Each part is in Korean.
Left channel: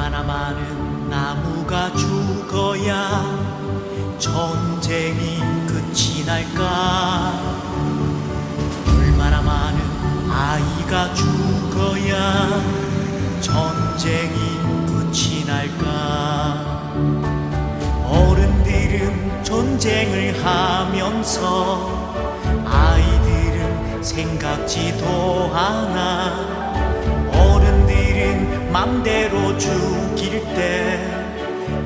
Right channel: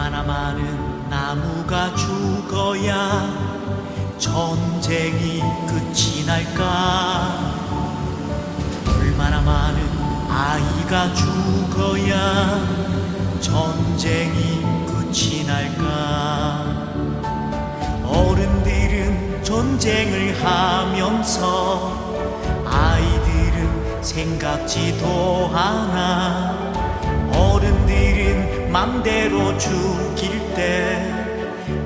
얼마나 많은 나무가 죽어야 전쟁이 끝이 날까? 얼마나 많은 아이가 죽어야 전쟁이 끝이 날까? 어른들은 전쟁을 하면서 아이들은 생각지도 않아 맘대로 죽일 때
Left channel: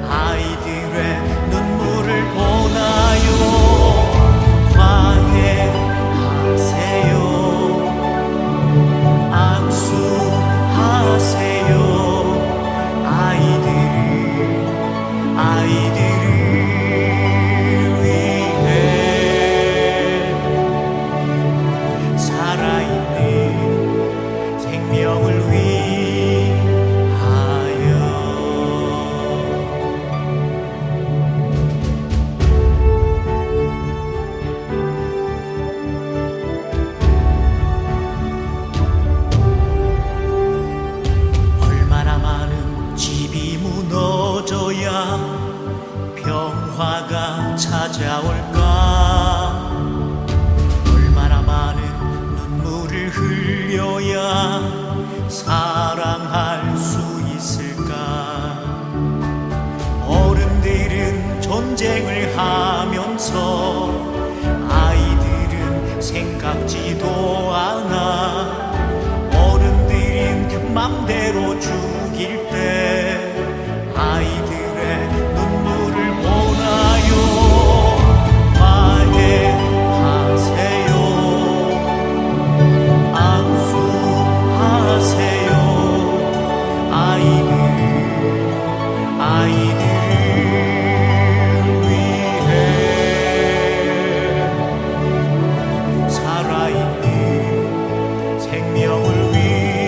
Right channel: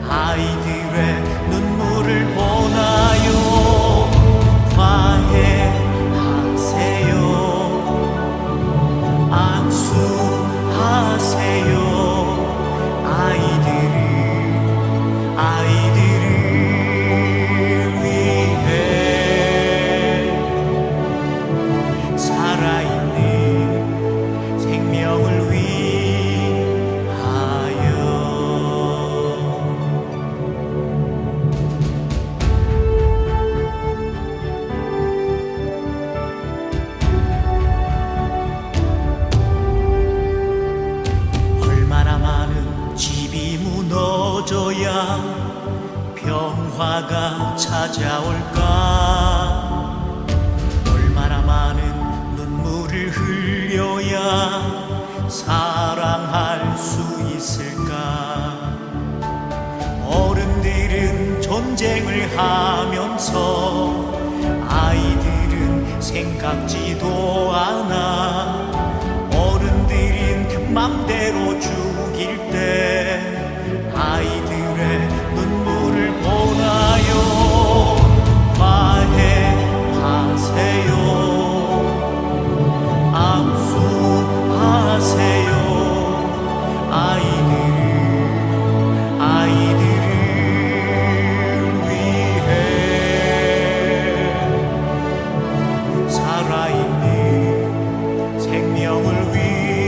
아이들의 눈물을 보나요? 화해하세요? 악수하세요? 아이들을 아이들을 많은 집이 무너져야 평화가 찾아올까? 얼마나 많은 눈물을 흘려야 사랑할 수 있을까? 어른들은 전쟁을 하면서 아이들은 생각지도 않 죽일 때 아이들의 눈물을 보나요? 화해하세요. 악수하세요. 아이들 아이들을 위해 살아있는 생명을 위하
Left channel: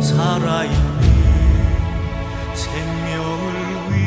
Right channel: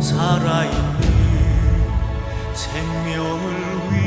살아있는 생명을 위해